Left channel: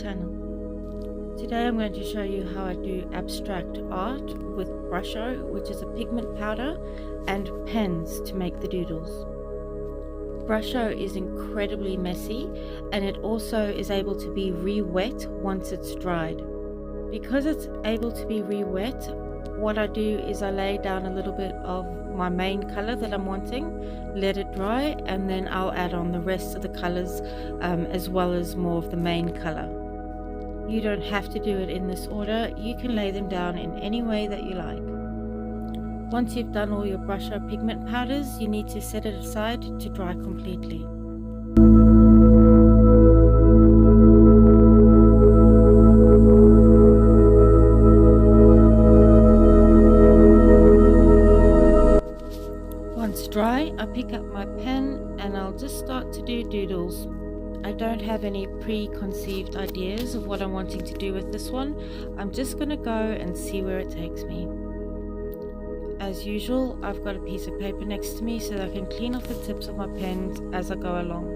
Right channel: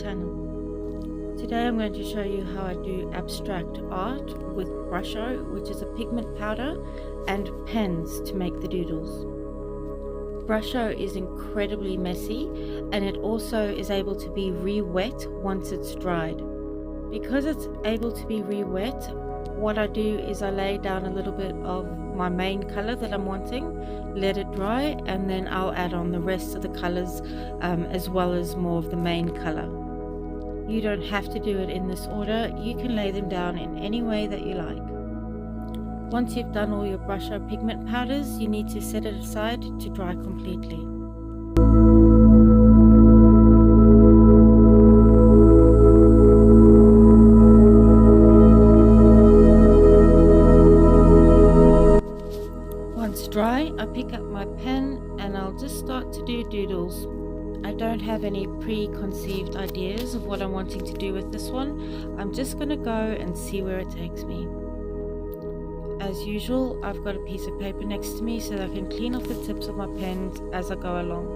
channel. Today I'm going to show you how I do abstract art with Brusho, which is a pigment powder, and pens to make the doodles. Brusho is incredibly messy and it also is able to be re-wet once it's dried. Because it's able to be re-wet, what I do is I lay down a little bit of my main color that I'm wanting, let it dry, and then I'll add on the rest of the colors as well as more of the main color. You don't have to do it in this order, you can lay them down in any way that you like. Once you've done all your Brusho pigment powders, you need to set it aside to dry completely. Once dry, I pick up my pen and I'll just start to do doodles. I don't have any preconceived ideas of what I'm wanting to do with this one. I'm just going to go and see where it takes me. As usual, I've got a piece of paper next to me so that I can clean off the tips of my pens as I go along.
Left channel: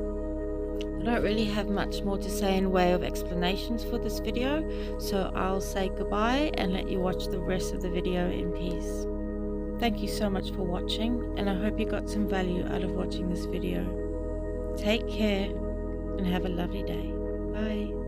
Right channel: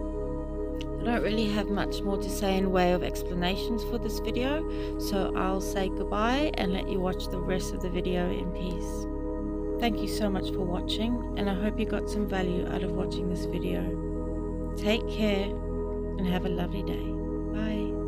I don't really have much more to say in way of explanations for this video, so I'll say goodbye and let you watch the rest of the video in peace. Thank you so much for watching, and I hope you got some value out of watching this video. Take care and have a lovely day. Bye.